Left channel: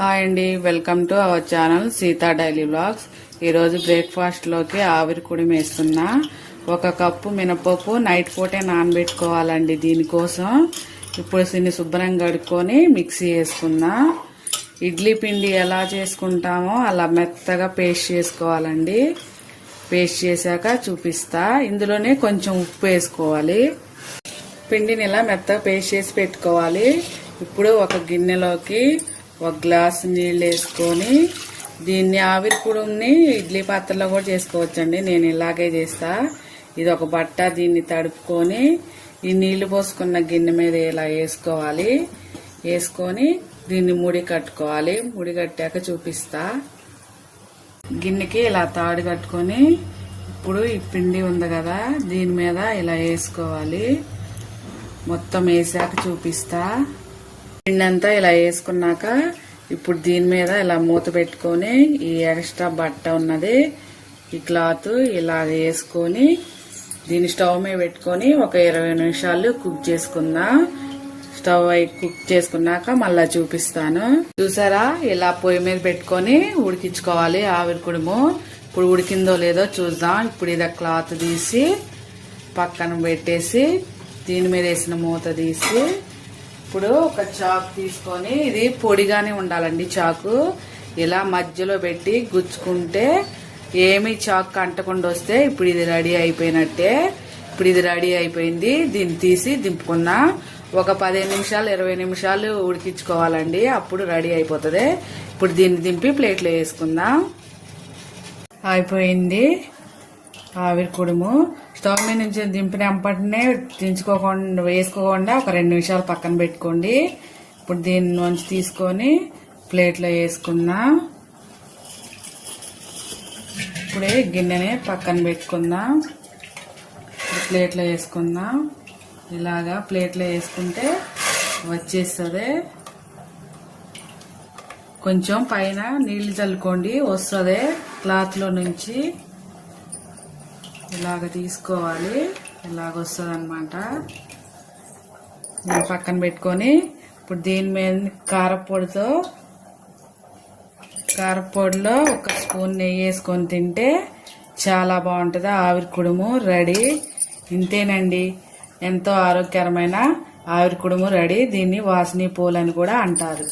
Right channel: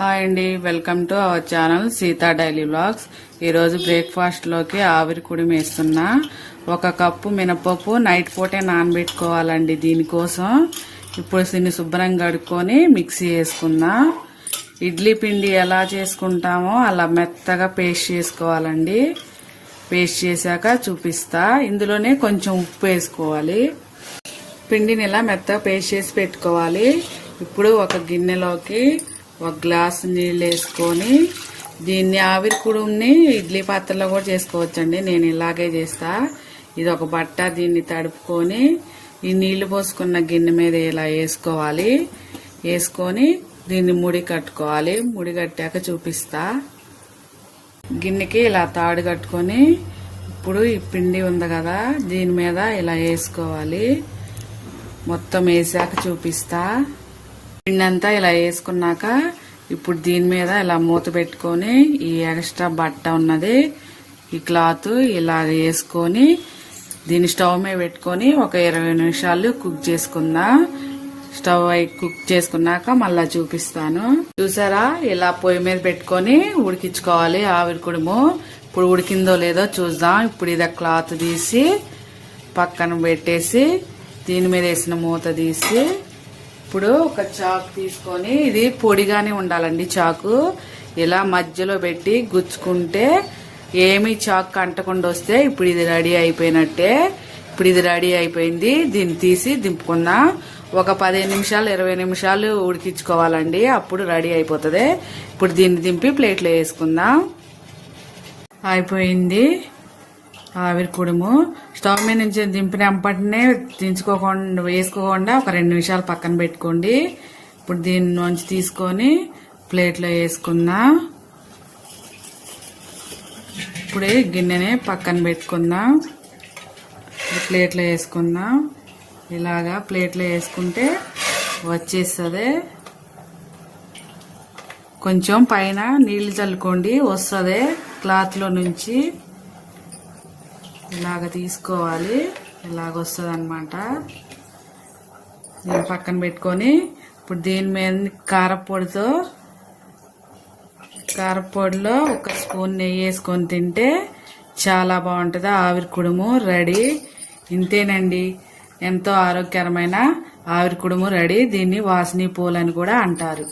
Hi అండి, welcome to our channel Sita daily vlogs. ఈరోజు బ్రేక్ఫాస్ట్లోకి ఆవిరి కుడిమి వేస్తున్నా. 1 కప్పు మినపప్పు నైట్ పూటే నానబెట్టుకోవాలండి. దీనికోసం ఇప్పుడు దీన్ని శుభ్రంగా కడుక్కొని మిక్సీ వేసుకున్నా. ఇడ్లీ పిండి ఎలా చేసుకుంటామో అలా మెత్తగా పేస్ట్ చేసుకోవాలండి. పేస్ట్ చేశాక చూపిస్తా. ఇందులోనే కొంచెం ఉప్పు వేసుకోవాలి. పిండిని ఇలా మెత్తగా పేస్ట్ చేసి పెట్టుకోవాలి. ఇప్పుడు ఒక గిన్నెలోకి 1 గ్లాసు నీళ్ళు వేసుకొని దీన్ని ఆవిరి కుడుంని ఇడ్లీ పాత్రలో కూడా చేసుకోవచ్చండి. నేను ఇలాగే చేస్తా. ఇది ఒక బట్ట, దీన్ని తడుపుకొని ఈ నీళ్లు పోసుకున్న గిన్నె మీద ఇలా వేసుకోవాలి. వేసుకొని దీన్ని ముడి కట్టుకోవాలి. ముడి కట్టాక చూపిస్తా. గిన్నెకి ఇలా తాడు కట్టుకొని ఇప్పుడు ఈ పిండి ఉంది కదా, దీని మీద ఇలా వేసుకోవాలి. మొత్తం వేసాక చూపిస్తా. పిండి అంతా ఇలా వేసుకున్నాక ఇప్పుడు దీని మీద ఇలా మూత పెట్టుకొని ఈ ఎక్స్ట్రా బట్ట ఉన్నది ఈ క్లాత్ ఇలా వేసుకొని దీన్ని స్టవ్ మీద పెట్టుకొని ఒక 20 నిమిషాలు కుక్ చేసుకుందాం. స్టవ్ కుక్ చేసుకున్నాక మళ్ళా చూపిస్తాను. చూసారా, ఇలా పొయ్యి మీద పెట్టుకొని ఉడికించుకోవాలి ఆవిరి కుడుము. ఇప్పుడు ఉడికిందో లేదో చూద్దాం. ఇప్పుడు ఇది క్లాత్ తీసి పక్కన పెట్టేసి దీని మీద వేసిన మూత తీసి ఇప్పుడు ఒక చాకు తీసుకొని, ఇది పొడిగానే ఉండాలండి చాకు. ఇలా మధ్యలో పెట్టి గుచ్చుకుంటే ఏమీ చాకు అంటకుండా వస్తే ఇప్పుడు ఇది రెడీ అయిపోయినట్టే. ఇప్పుడు ఇది రెడీ అయిపోయింది. దీన్ని తీసి దింపుకున్నా. ఒక 15 నిమిషాలు 20 నిమిషాలు ఉడికించుకోవాలండి. అప్పుడు రెడీ అయిపోతుంది. ఇప్పుడు దీన్ని దింపి ప్లేట్లో వేసుకుందాం. అయిపోయింది ఆవిరి కుడుము. స్టవ్ మీద నుంచి దింపిన వెంటనే దించుకోకుండా వేసుకోకుండా ఒక 2 నిమిషాలు పక్కన పెట్టుకోండి. ఇప్పుడు దీని నుంచి తీసుకొని ప్లేట్లో వేసుకుందాం. ఇప్పుడే గిన్నెని పక్కన పెట్టుకుందాం. ప్లేట్లో వేసుకుందాం. ఇలాగా ప్లేట్లో వేసుకుంటే వచ్చేస్తుంది. కొంచెం పైన నీళ్లు చల్లుకోండి, వస్తుంది క్లాత్లో నుంచి. ఇలాగ తీసుకోవాలి. ఇలాగ వస్తుంది అనమాట. నేను పక్కన పెట్టుకొని ఇప్పుడు దీని మీద కారపొడిలో 1 స్పూన్ నెయ్యి వేసుకొని తింటే చాలా బాగుంటుంది. ఆవిరి కుడుము రెడీ. ఇంతేనండి, ఎంతో ఆరోగ్యకరమైన ఆవిరి కుడుము రెడీ. దీన్ని వాసనీ పూలు అని కూడా అంటారు.